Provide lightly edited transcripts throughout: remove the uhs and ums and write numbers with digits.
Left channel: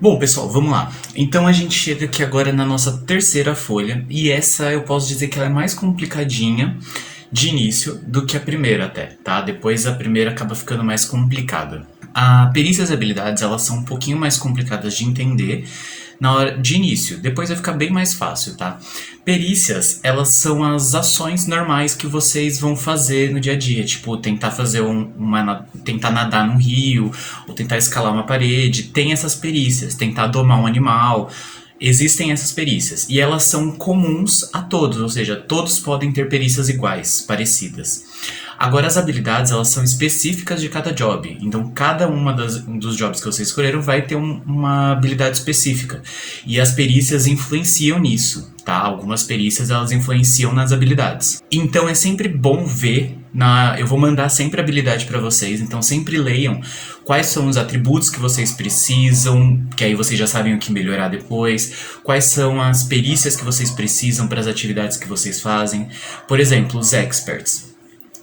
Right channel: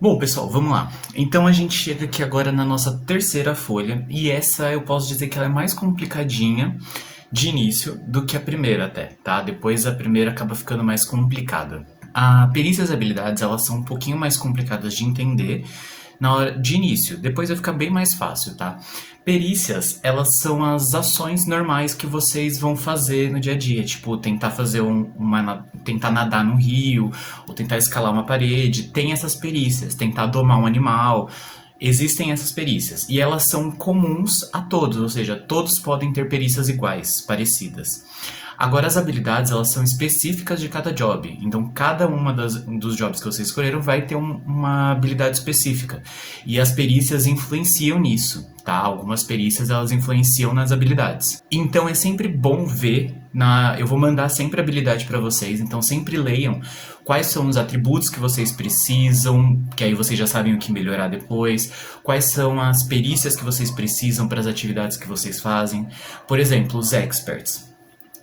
Bom, pessoal, vamos lá. Então a gente chega aqui agora na nossa terceira folha, e essa eu posso dizer que ela é mais complicadinha de início do que a primeira até, tá? Depois a primeira acaba ficando mais complicada. A perícias e habilidades, elas são um pouquinho mais complicadas de entender na hora de início. Depois vai ficar bem mais fácil, tá? Perícias, elas são as ações normais que vocês vão fazer no dia a dia, tipo tentar fazer tentar nadar no rio, ou tentar escalar uma parede. Tem essas perícias, tentar domar um animal. Existem essas perícias e elas são comuns a todos, ou seja, todos podem ter perícias iguais, parecidas. Agora, as habilidades, elas são específicas de cada job. Então, cada uma dos jobs que vocês escolheram vai ter uma habilidade específica. E as perícias influenciam nisso, tá? Algumas perícias, elas influenciam nas habilidades. Então, é sempre bom ver eu vou mandar sempre a habilidade para vocês, então sempre leiam quais são os atributos que vocês precisam, que aí vocês já sabem o que melhorar depois, quais são as perícias que vocês precisam para as atividades que vocês fazem. Por exemplo, os experts.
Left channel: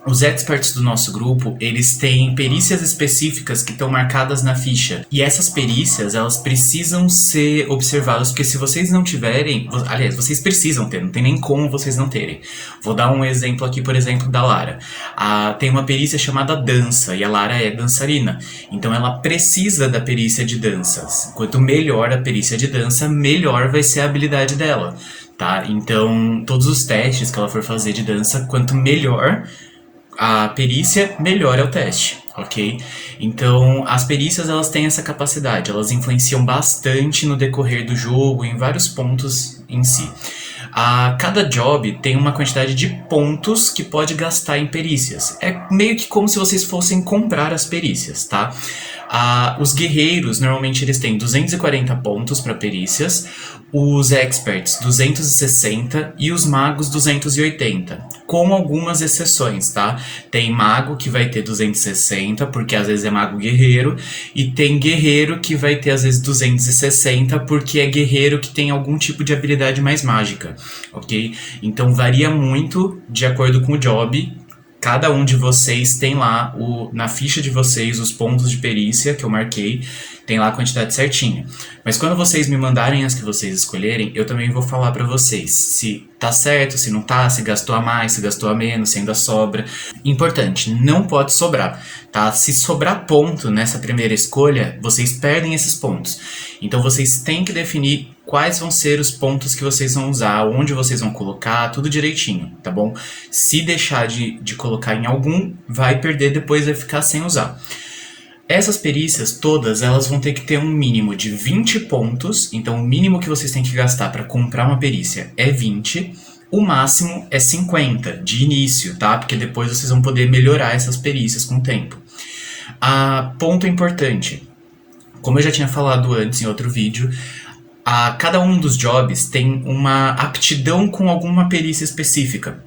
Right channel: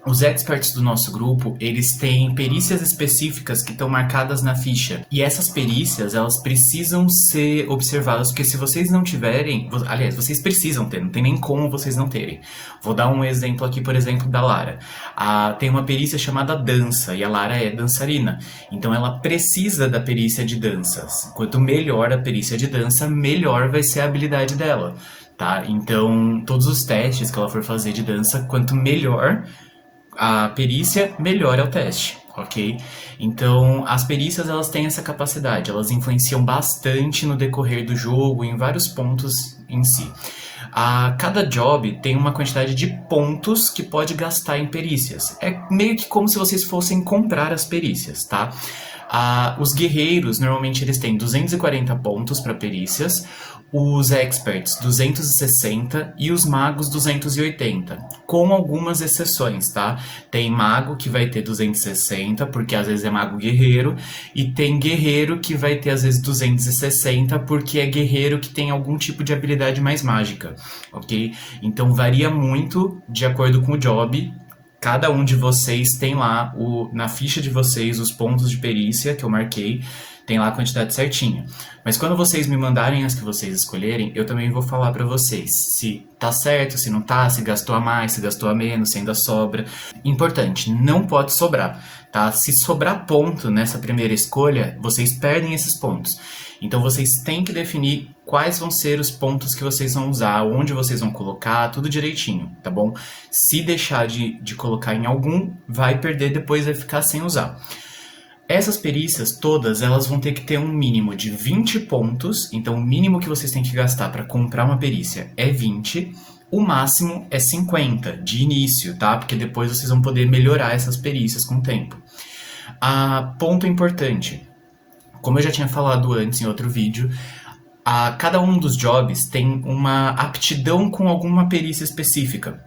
Os experts do nosso grupo, eles têm perícias específicas que estão marcadas na ficha. E essas perícias, elas precisam ser observadas, porque se vocês não tiverem... Aliás, vocês precisam ter, não tem nem como vocês não terem. Vou dar um exemplo aqui, por exemplo, da Lara. Tem uma perícia chamada dança, e a Lara é dançarina. Então ela precisa da perícia de danças. Quanto melhor a perícia de dança, melhor vai ser a habilidade dela, tá? Então, todos os testes que ela for fazer de dança, quanto melhor a perícia, melhor é o teste, ok? Então, as perícias, elas têm essa capacidade, elas influenciam bastante no decorrer do jogo, em vários pontos em si. Cada job tem uma quantidade de pontos que pode gastar em perícias. É meio que como se vocês fossem comprar as perícias, tá? Os guerreiros, normalmente eles têm 240 pontos para perícias, os experts 260 e os magos 280, com algumas exceções, tá? Tem mago que vai ter 260, porque às vezes é mago guerreiro, e tem guerreiro que vai ter às vezes 260, porque é guerreiro que tem algum tipo de habilidade mais mágica, ok? Então varia muito de acordo com o job. Cada um de vocês tem lá na ficha de vocês os pontos de perícia que eu marquei, tem lá a quantidade certinha. Mas quando vocês me mandarem as que vocês escolherem, eu também vou falar pra vocês se tá certo, se não tá, se gastou a mais, se gastou a menos, se ainda sobra. Importante, não pode sobrar, tá? Se sobrar ponto nessa primeira escolha, vocês perdem esses pontos. Então vocês têm que definir quais vão ser os pontos que vocês vão usar, onde vocês vão colocar, tudo direitinho, tá bom? Se deixar de colocar em algum, vai perder, depois vai ficar sem usar. Essas perícias todas, elas vão ter que ter um mínimo de 20 pontos, então o mínimo que vocês têm que gastar para comprar uma perícia é 20, o máximo é 50 de início, tá? Porque depois vocês vão poder melhorar essas perícias com o tempo. Ponto importante, como eu já tinha falado antes em outro vídeo, cada um dos jobs tem uma aptidão com alguma perícia específica.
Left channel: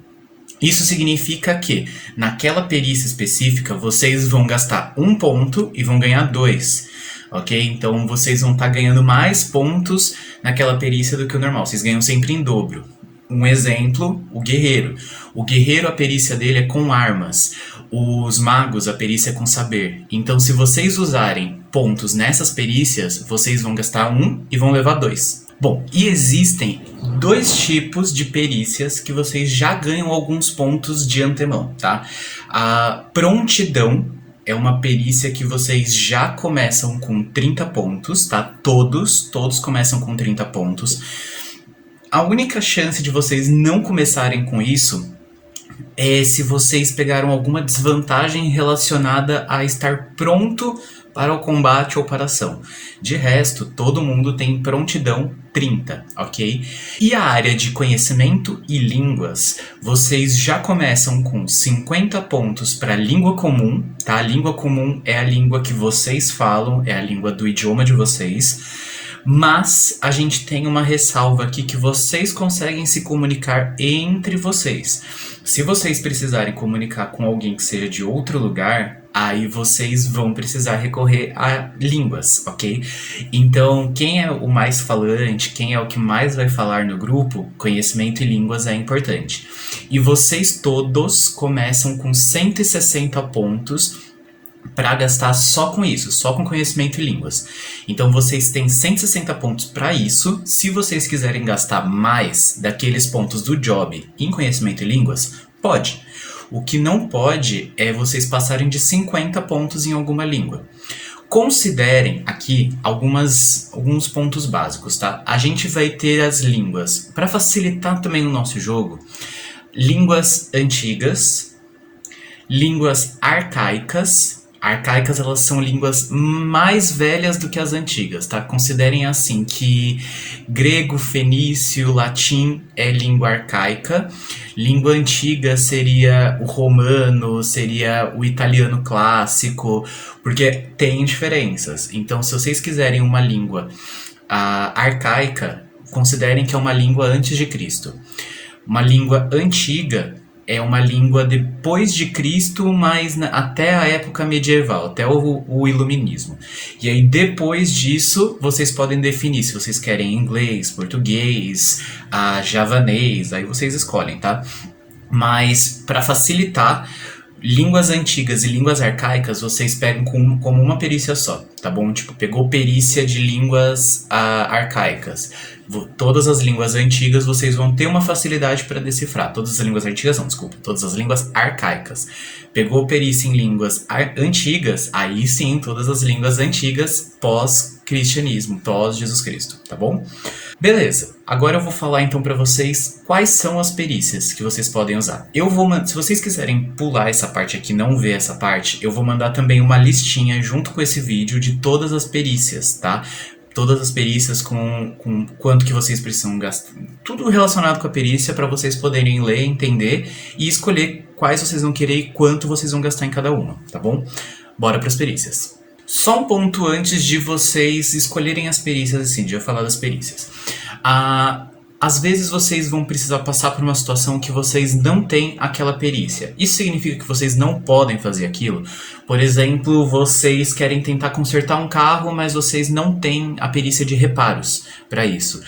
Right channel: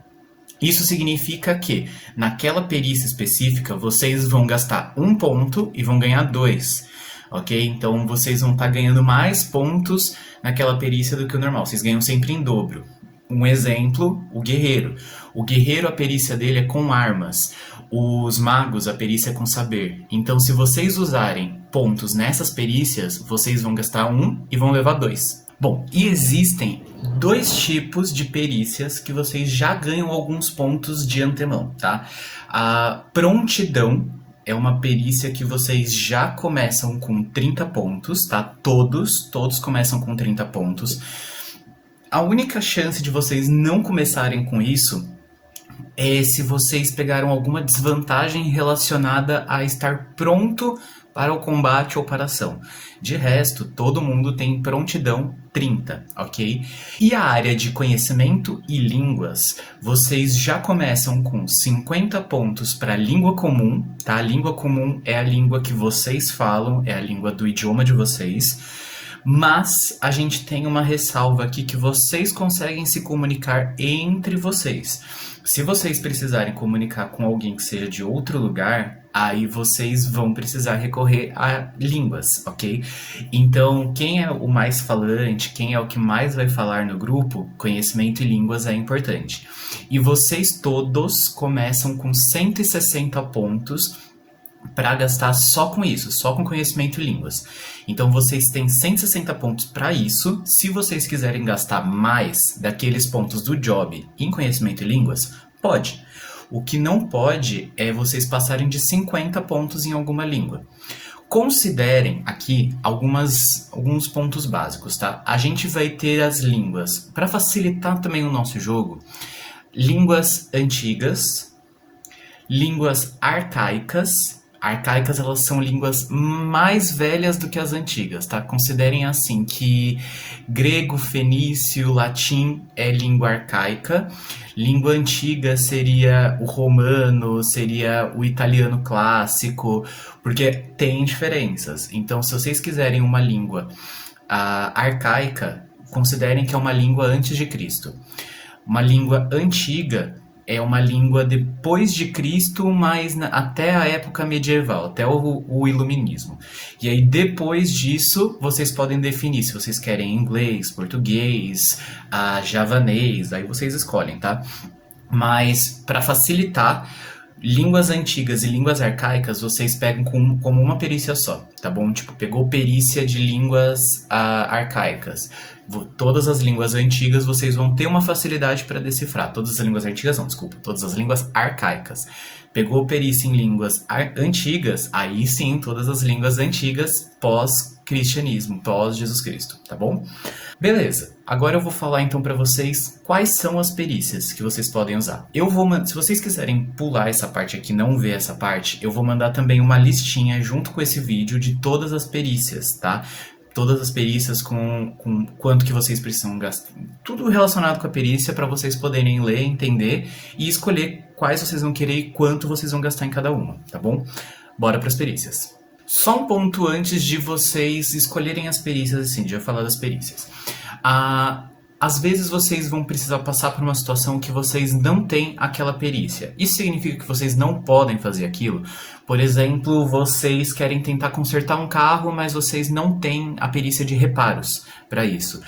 Isso significa que, naquela perícia específica, vocês vão gastar 1 ponto e vão ganhar 2, ok? Então, vocês vão estar ganhando mais pontos naquela perícia do que o normal. Vocês ganham sempre em dobro. Um exemplo, o guerreiro. O guerreiro, a perícia dele é com armas. Os magos, a perícia é com saber. Então, se vocês usarem pontos nessas perícias, vocês vão gastar 1 e vão levar 2. Bom, e existem 2 tipos de perícias que vocês já ganham alguns pontos de antemão, tá? A prontidão é uma perícia que vocês já começam com 30 pontos, tá? Todos começam com 30 pontos. A única chance de vocês não começarem com isso é se vocês pegaram alguma desvantagem relacionada a estar pronto para o combate ou para a ação. De resto, todo mundo tem prontidão 30, ok? E a área de conhecimento e línguas, vocês já começam com 50 pontos para língua comum, tá? A língua comum é a língua que vocês falam, é a língua do idioma de vocês. Mas a gente tem uma ressalva aqui que vocês conseguem se comunicar entre vocês. Se vocês precisarem comunicar com alguém que seja de outro lugar, aí vocês vão precisar recorrer a línguas, ok? Então, quem é o mais falante, quem é o que mais vai falar no grupo, conhecimento e línguas é importante. E vocês todos começam com 160 pontos para gastar só com isso, só com conhecimento e línguas. Então vocês têm 160 pontos para isso. Se vocês quiserem gastar mais daqueles pontos do job em conhecimento em línguas, pode. O que não pode é vocês passarem de 50 pontos em alguma língua. Considerem aqui alguns pontos básicos, tá? A gente vai ter as línguas, para facilitar também o nosso jogo, línguas antigas, línguas arcaicas. Arcaicas, elas são línguas mais velhas do que as antigas, tá? Considerem assim que grego, fenício, latim é língua arcaica. Língua antiga seria o romano, seria o italiano clássico, porque tem diferenças. Então, se vocês quiserem uma língua arcaica, considerem que é uma língua antes de Cristo. Uma língua antiga é uma língua depois de Cristo, mas até a época medieval, até o Iluminismo. E aí, depois disso, vocês podem definir se vocês querem inglês, português, javanês, aí vocês escolhem, tá? Mas, para facilitar, línguas antigas e línguas arcaicas, vocês pegam como uma perícia só, tá bom? Tipo, pegou perícia de línguas arcaicas. Todas as línguas antigas vocês vão ter uma facilidade para decifrar. Todas as línguas antigas não, desculpa. Todas as línguas arcaicas. Pegou perícia em línguas antigas, aí sim, todas as línguas antigas pós-cristianismo, pós-Jesus Cristo, tá bom? Beleza, agora eu vou falar então para vocês quais são as perícias que vocês podem usar. Se vocês quiserem pular essa parte aqui, não ver essa parte, eu vou mandar também uma listinha junto com esse vídeo de todas as perícias, tá? Todas as perícias com quanto que vocês precisam gastar. Tudo relacionado com a perícia para vocês poderem ler, entender e escolher quais vocês vão querer e quanto vocês vão gastar em cada uma, tá bom? Bora para as perícias. Só um ponto antes de vocês escolherem as perícias, assim, de eu falar das perícias. Às vezes vocês vão precisar passar por uma situação que vocês não têm aquela perícia. Isso significa que vocês não podem fazer aquilo? Por exemplo, vocês querem tentar consertar um carro, mas vocês não têm a perícia de reparos para isso.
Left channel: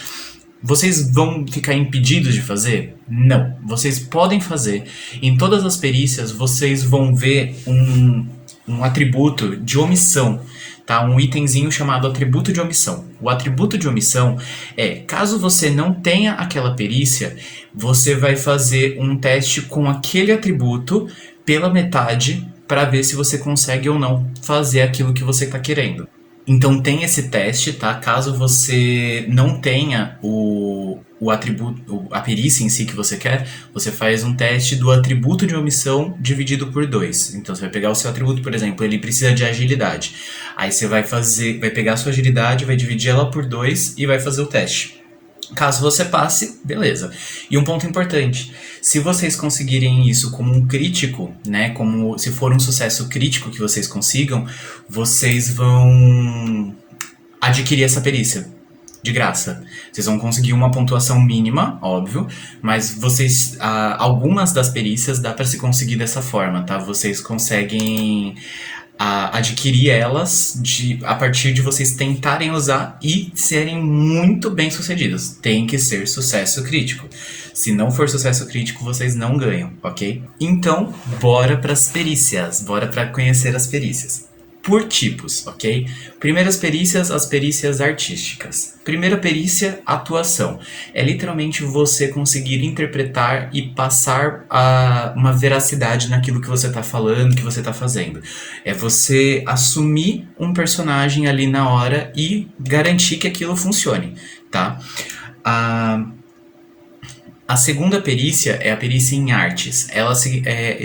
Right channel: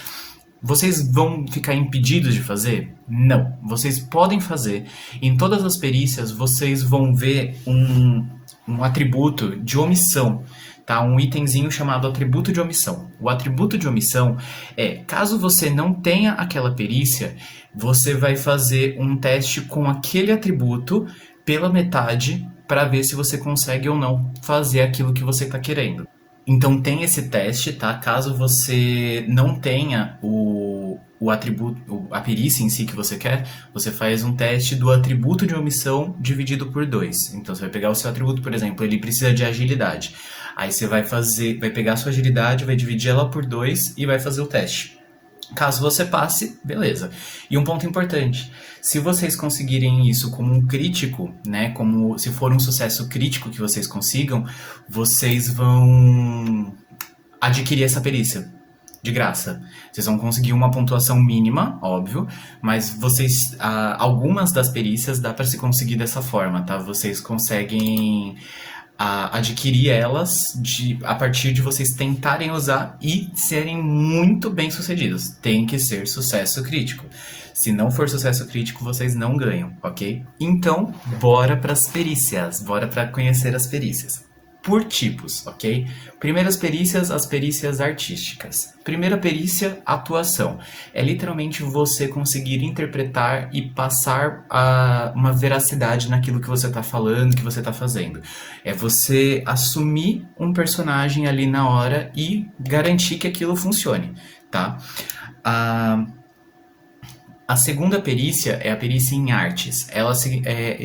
Vocês vão ficar impedidos de fazer? Não. Vocês podem fazer. Em todas as perícias, vocês vão ver um atributo de omissão. Tá? Um itemzinho chamado atributo de omissão. O atributo de omissão é, caso você não tenha aquela perícia, você vai fazer um teste com aquele atributo pela metade para ver se você consegue ou não fazer aquilo que você está querendo. Então tem esse teste, tá? Caso você não tenha o atributo, a perícia em si que você quer, você faz um teste do atributo de omissão dividido por 2. Então você vai pegar o seu atributo, por exemplo, ele precisa de agilidade. Aí você vai pegar a sua agilidade, vai dividir ela por 2 e vai fazer o teste. Caso você passe, beleza. E um ponto importante, se vocês conseguirem isso como um crítico, né, como se for um sucesso crítico que vocês consigam, vocês vão adquirir essa perícia de graça. Vocês vão conseguir uma pontuação mínima, óbvio, mas vocês, algumas das perícias dá para se conseguir dessa forma, tá? Vocês conseguem adquirir elas a partir de vocês tentarem usar e serem muito bem sucedidos. Tem que ser sucesso crítico. Se não for sucesso crítico, vocês não ganham, ok? Então, bora para as perícias. Bora para conhecer as perícias. Por tipos, ok? Primeiras perícias, as perícias artísticas. Primeira perícia, atuação. É literalmente você conseguir interpretar e passar uma veracidade naquilo que você está falando, que você está fazendo. É você assumir um personagem ali na hora e garantir que aquilo funcione, tá? A segunda perícia é a perícia em artes.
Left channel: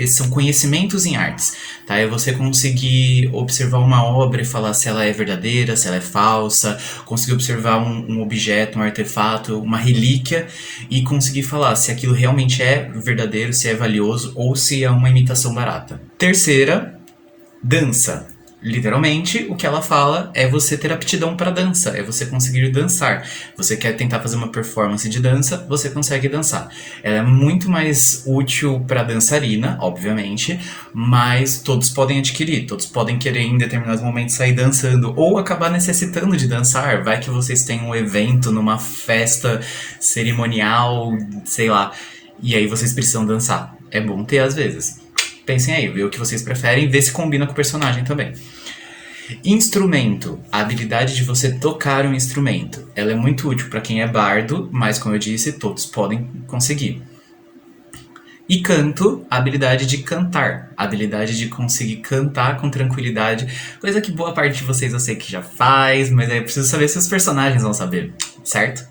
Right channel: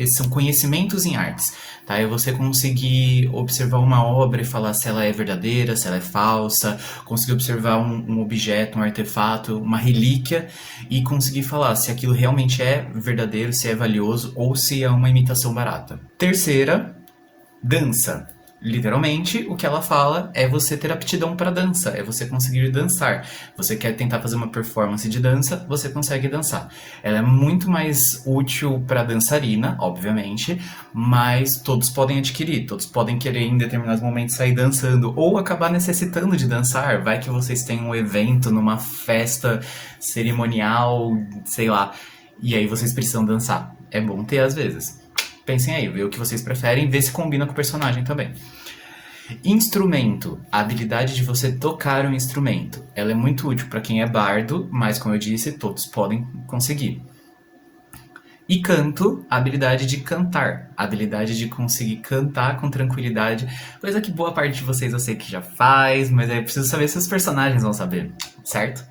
São conhecimentos em artes. Tá? É você conseguir observar uma obra e falar se ela é verdadeira, se ela é falsa, conseguir observar um objeto, um artefato, uma relíquia e conseguir falar se aquilo realmente é verdadeiro, se é valioso ou se é uma imitação barata. Terceira, dança. Literalmente, o que ela fala é você ter aptidão para dança, é você conseguir dançar. Você quer tentar fazer uma performance de dança, você consegue dançar. Ela é muito mais útil para dançarina, obviamente, mas todos podem adquirir, todos podem querer em determinados momentos sair dançando ou acabar necessitando de dançar. Vai que vocês têm um evento numa festa cerimonial, sei lá, e aí vocês precisam dançar. É bom ter às vezes. Pensem aí, vê o que vocês preferem, vê se combina com o personagem também. Instrumento, a habilidade de você tocar um instrumento. Ela é muito útil para quem é bardo, mas como eu disse, todos podem conseguir. E canto, a habilidade de cantar, a habilidade de conseguir cantar com tranquilidade, coisa que boa parte de vocês eu sei que já faz, mas aí eu preciso saber se os personagens vão saber, certo?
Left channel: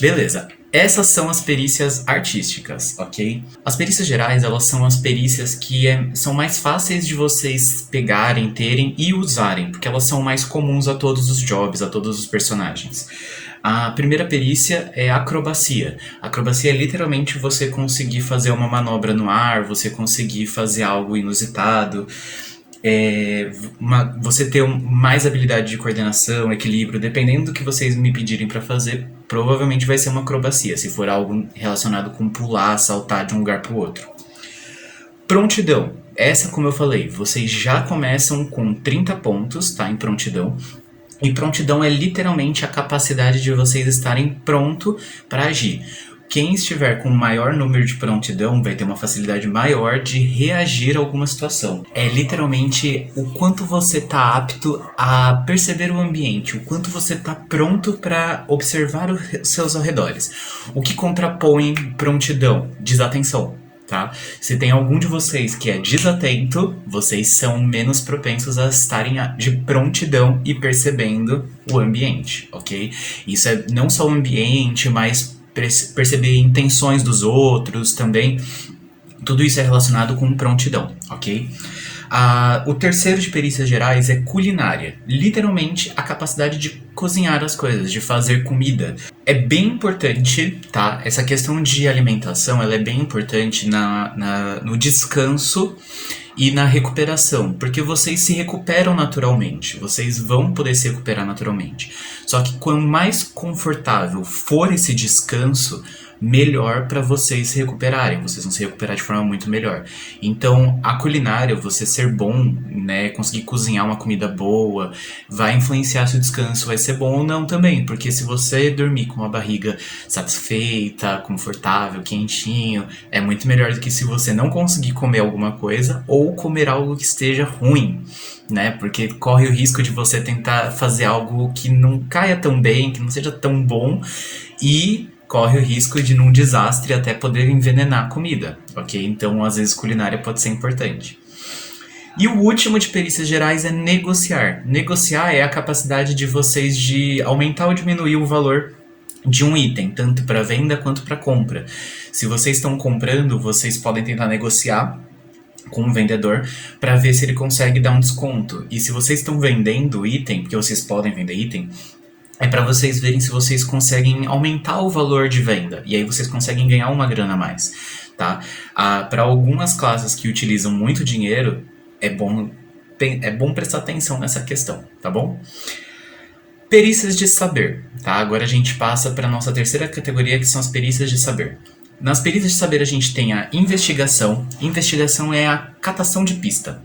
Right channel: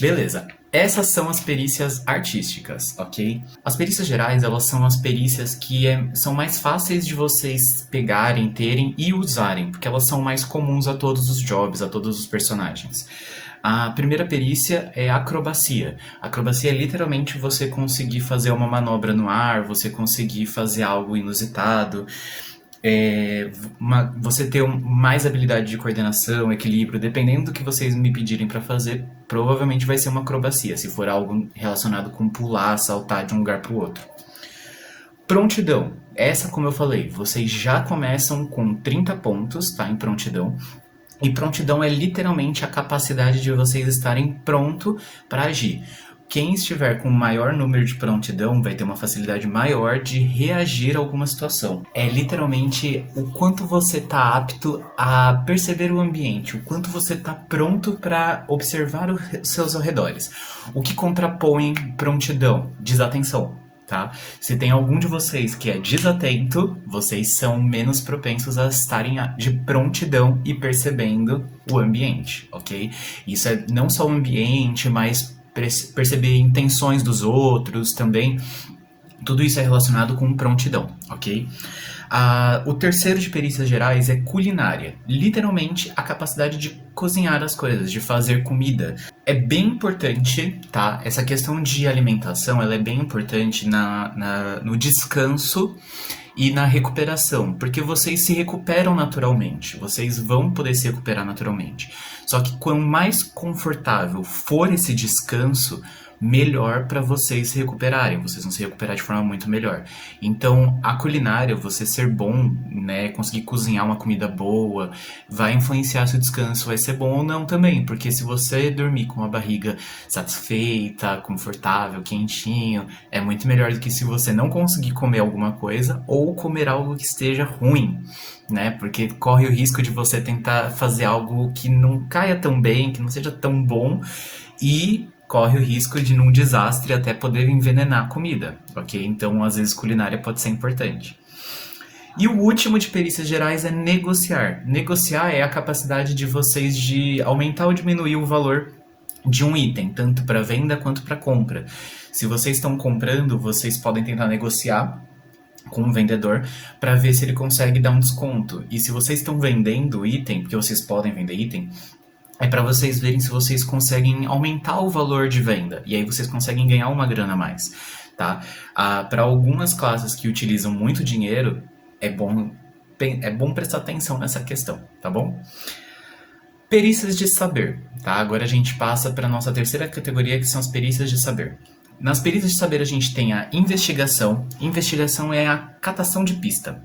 Beleza. Essas são as perícias artísticas, ok? As perícias gerais, elas são as perícias que são mais fáceis de vocês pegarem, terem e usarem, porque elas são mais comuns a todos os jobs, a todos os personagens. A primeira perícia é acrobacia. Acrobacia é literalmente você conseguir fazer uma manobra no ar, você conseguir fazer algo inusitado, você ter mais habilidade de coordenação, equilíbrio, dependendo do que vocês me pedirem para fazer, provavelmente vai ser uma acrobacia, se for algo relacionado com pular, saltar de um lugar para o outro. Prontidão. Essa, como eu falei, vocês já começam com 30 pontos, tá, em prontidão. E prontidão é literalmente a capacidade de vocês estarem pronto para agir. Quem estiver com maior número de prontidão vai ter uma facilidade maior de reagir a alguma situação. É literalmente o quanto você está apto a perceber o ambiente, o quanto você está pronto para observar os seus arredores. O que contrapõe prontidão? Desatenção. Tá? Se tem algum de vocês que é desatento, vocês são menos propensos a estarem de prontidão e percebendo o ambiente, ok? Isso é não só o ambiente, mas perceber intenções dos outros também. Tudo isso é relacionado com prontidão, ok? O terceiro de perícias gerais é culinária. Literalmente, a capacidade de cozinhar as coisas, de fazer comida. É bem importante, tá? Essa questão de alimentação, ela é bem importante no descanso e na recuperação, porque vocês se recuperam naturalmente, vocês vão poder se recuperar naturalmente. Só que quanto mais confortável for esse descanso, melhor para vocês se recuperarem, vocês vão se recuperar de forma muito melhor. Então, a culinária, você ser bom, né, conseguir cozinhar uma comida boa, vai influenciar se o descanso vai ser bom ou não também, porque se você dormir com a barriga satisfeita, confortável, quentinho, é muito melhor do que se você não conseguir comer alguma coisa ou comer algo que esteja ruim, né, porque corre o risco de você tentar fazer algo que não caia tão bem, que não seja tão bom e corre o risco de, num desastre, até poder envenenar a comida, ok? Então, às vezes, culinária pode ser importante. E o último de perícias gerais é negociar. Negociar é a capacidade de vocês de aumentar ou diminuir o valor de um item, tanto para venda quanto para compra. Se vocês estão comprando, vocês podem tentar negociar com o vendedor para ver se ele consegue dar um desconto. E se vocês estão vendendo item, porque vocês podem vender item, é para vocês verem se vocês conseguem aumentar o valor de venda. E aí vocês conseguem ganhar uma grana a mais, tá? Para algumas classes que utilizam muito dinheiro, é bom prestar atenção nessa questão, tá bom? Perícias de saber, tá? Agora a gente passa para a nossa terceira categoria, que são as perícias de saber. Nas perícias de saber a gente tem a investigação. Investigação é a catação de pista.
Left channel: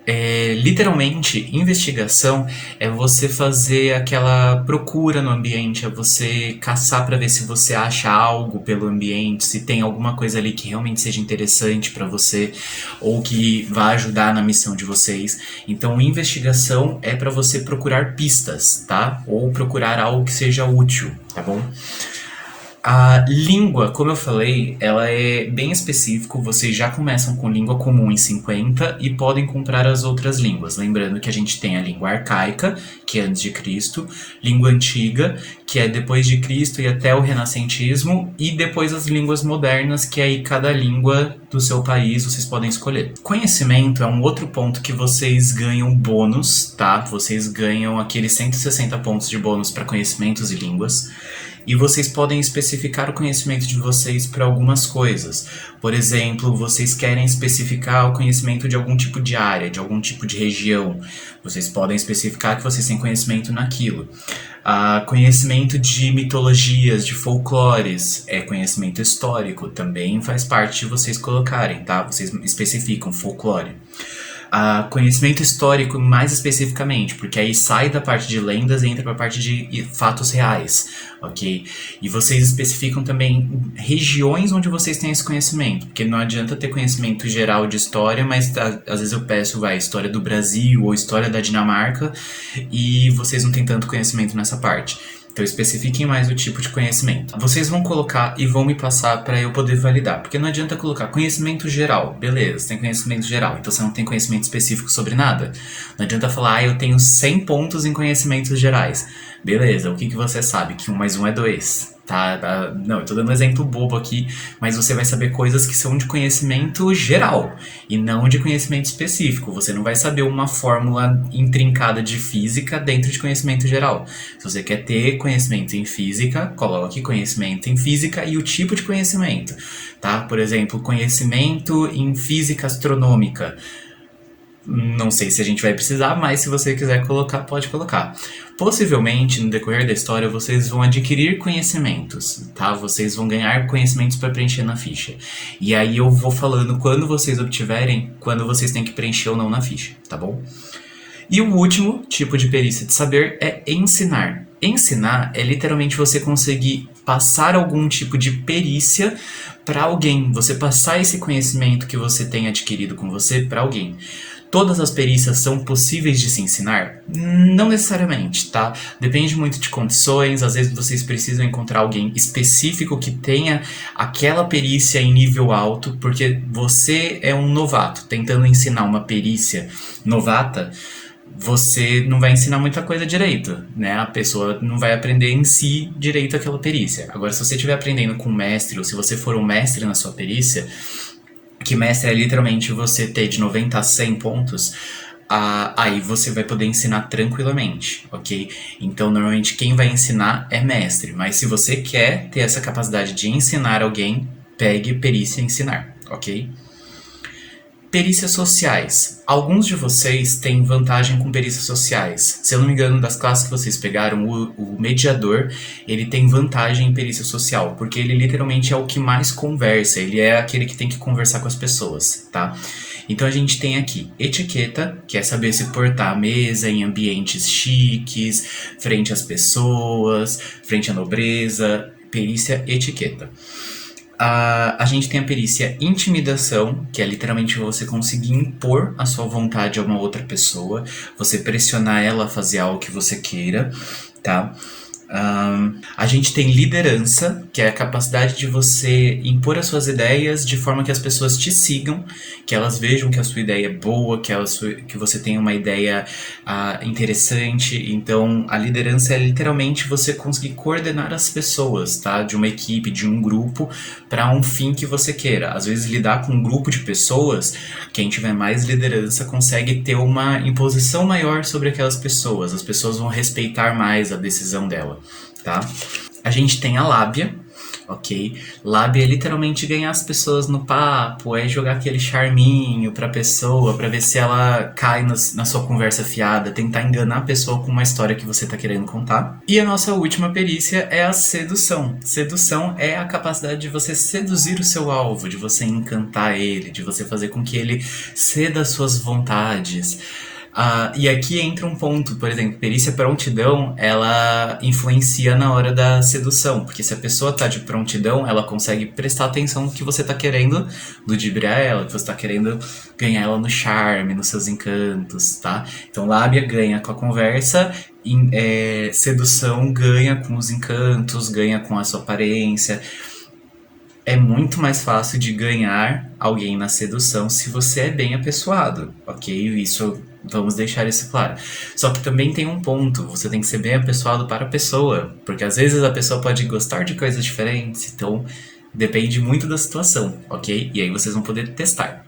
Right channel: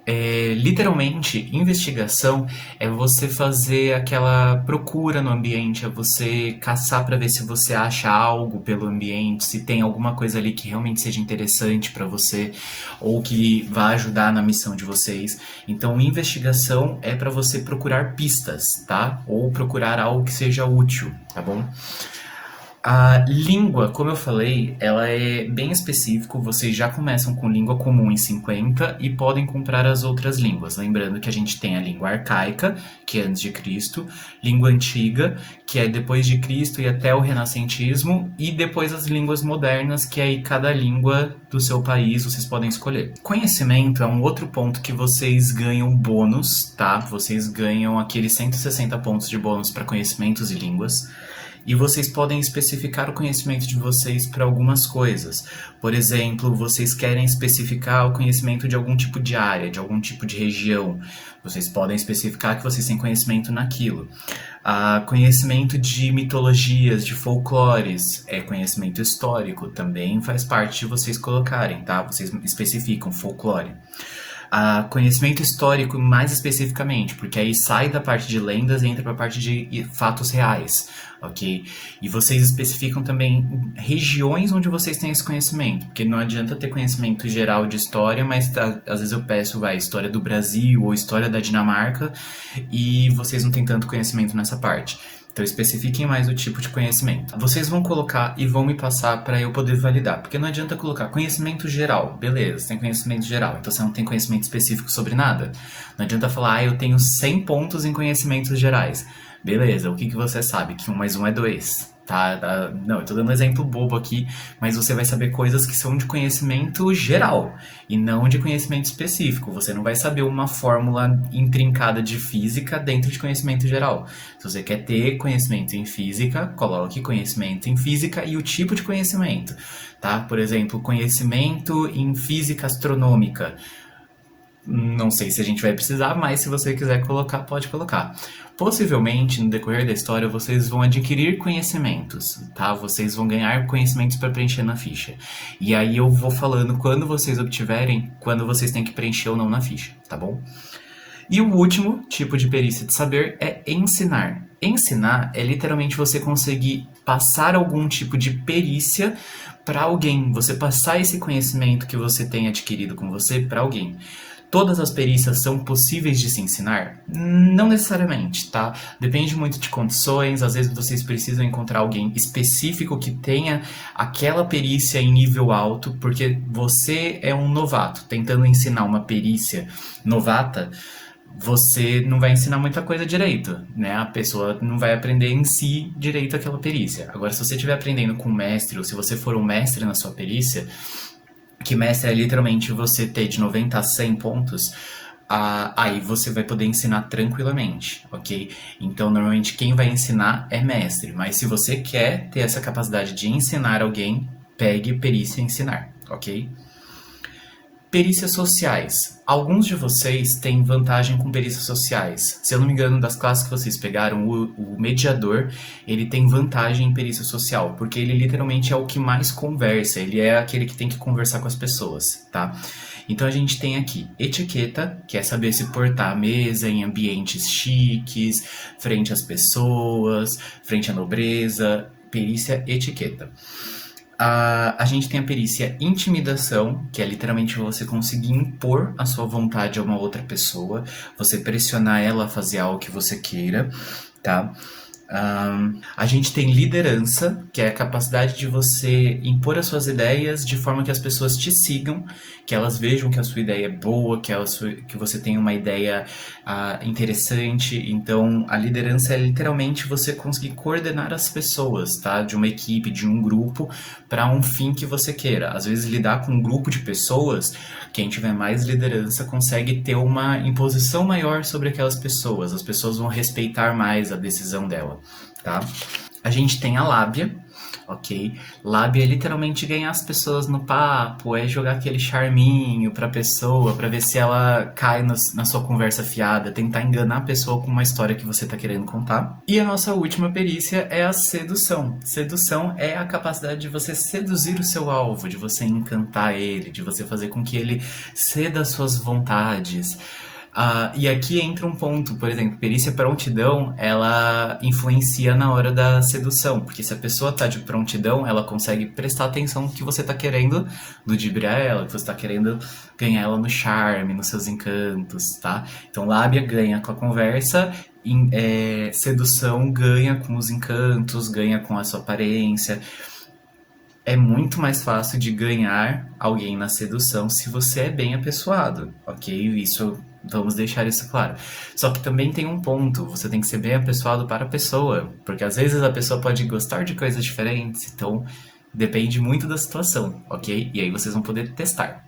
Literalmente, investigação é você fazer aquela procura no ambiente, é você caçar para ver se você acha algo pelo ambiente, se tem alguma coisa ali que realmente seja interessante para você ou que vá ajudar na missão de vocês. Então, investigação é para você procurar pistas, tá? Ou procurar algo que seja útil, tá bom? A língua, como eu falei, ela é bem específico, vocês já começam com língua comum em 50 e podem comprar as outras línguas. Lembrando que a gente tem a língua arcaica, que é antes de Cristo, língua antiga, que é depois de Cristo e até o renascentismo, e depois as línguas modernas, que aí cada língua do seu país vocês podem escolher. Conhecimento é um outro ponto que vocês ganham bônus, tá? Vocês ganham aqueles 160 pontos de bônus para conhecimentos e línguas. E vocês podem especificar o conhecimento de vocês para algumas coisas. Por exemplo, vocês querem especificar o conhecimento de algum tipo de área, de algum tipo de região. Vocês podem especificar que vocês têm conhecimento naquilo. Conhecimento de mitologias, de folclores, conhecimento histórico, também faz parte de vocês colocarem, tá? Vocês especificam folclore. conhecimento histórico mais especificamente, porque aí sai da parte de lendas e entra para a parte de fatos reais, ok? E vocês especificam também regiões onde vocês têm esse conhecimento, porque não adianta ter conhecimento geral de história, mas às vezes eu peço, história do Brasil ou história da Dinamarca e vocês não têm tanto conhecimento nessa parte. Então especifiquem mais o tipo de conhecimento. Vocês vão colocar e vão me passar para eu poder validar, porque não adianta colocar conhecimento geral. Beleza, tem conhecimento geral, então você não tem conhecimento específico sobre nada. Não adianta falar, eu tenho 100 pontos em conhecimentos gerais. Beleza, o que você sabe? Que 1 mais 1 é 2. Tá? Não, eu tô dando um exemplo bobo aqui, mas você vai saber coisas que são de conhecimento geral e não de conhecimento específico. Você não vai saber uma fórmula intrincada de física dentro de conhecimento geral. Se você quer ter conhecimento em física, coloque conhecimento em física e o tipo de conhecimento, tá? Por exemplo, conhecimento em física astronômica. Não sei se a gente vai precisar, mas se você quiser colocar, pode colocar. Possivelmente, no decorrer da história, vocês vão adquirir conhecimentos, tá? Vocês vão ganhar conhecimentos para preencher na ficha. E aí eu vou falando quando vocês obtiverem, quando vocês têm que preencher ou não na ficha, tá bom? E o último tipo de perícia de saber é ensinar. Ensinar é literalmente você conseguir passar algum tipo de perícia para alguém, você passar esse conhecimento que você tem adquirido com você para alguém. Todas as perícias são possíveis de se ensinar? Não necessariamente, tá? Depende muito de condições, às vezes vocês precisam encontrar alguém específico que tenha aquela perícia em nível alto, porque você é um novato tentando ensinar uma perícia novata, você não vai ensinar muita coisa direito, né? A pessoa não vai aprender em si direito aquela perícia. Agora, se você estiver aprendendo com um mestre, ou se você for um mestre na sua perícia, que mestre é literalmente você ter de 90 a 100 pontos, aí você vai poder ensinar tranquilamente, ok? Então, normalmente, quem vai ensinar é mestre. Mas se você quer ter essa capacidade de ensinar alguém, pegue perícia em ensinar, ok? Perícias sociais. Alguns de vocês têm vantagem com perícias sociais. Se eu não me engano, das classes que vocês pegaram, o mediador, ele tem vantagem em perícia social, porque ele literalmente é o que mais conversa, ele é aquele que tem que conversar com as pessoas, tá? Então a gente tem aqui etiqueta, que é saber se portar à mesa em ambientes chiques, frente às pessoas, frente à nobreza, perícia etiqueta. A gente tem a perícia intimidação, que é literalmente você conseguir impor a sua vontade a uma outra pessoa, você pressionar ela a fazer algo que você queira, tá? A gente tem liderança, que é a capacidade de você impor as suas ideias de forma que as pessoas te sigam, que elas vejam que a sua ideia é boa, que você tem uma ideia interessante. Então, a liderança é literalmente você conseguir coordenar as pessoas, tá? De uma equipe, de um grupo, para um fim que você queira. Às vezes, lidar com um grupo de pessoas, quem tiver mais liderança consegue ter uma imposição maior sobre aquelas pessoas. As pessoas vão respeitar mais a decisão dela, tá? A gente tem a lábia, ok? Lábia é literalmente ganhar as pessoas no papo, é jogar aquele charminho pra pessoa, pra ver se ela cai na sua conversa fiada, tentar enganar a pessoa com uma história que você tá querendo contar. E a nossa última perícia é a sedução. Sedução é a capacidade de você seduzir o seu alvo, de você encantar ele, de você fazer com que ele ceda às suas vontades. E aqui entra um ponto, por exemplo, perícia prontidão, ela influencia na hora da sedução, porque se a pessoa tá de prontidão, ela consegue prestar atenção no que você tá querendo ludibriar ela, que você tá querendo ganhar ela no charme, nos seus encantos, tá? Então, lábia ganha com a conversa, sedução ganha com os encantos, ganha com a sua aparência. É muito mais fácil de ganhar alguém na sedução se você é bem apessoado, ok? Isso, vamos deixar isso claro. Só que também tem um ponto, você tem que ser bem apessoado para a pessoa, porque às vezes a pessoa pode gostar de coisas diferentes, então depende muito da situação, ok? E aí vocês vão poder testar.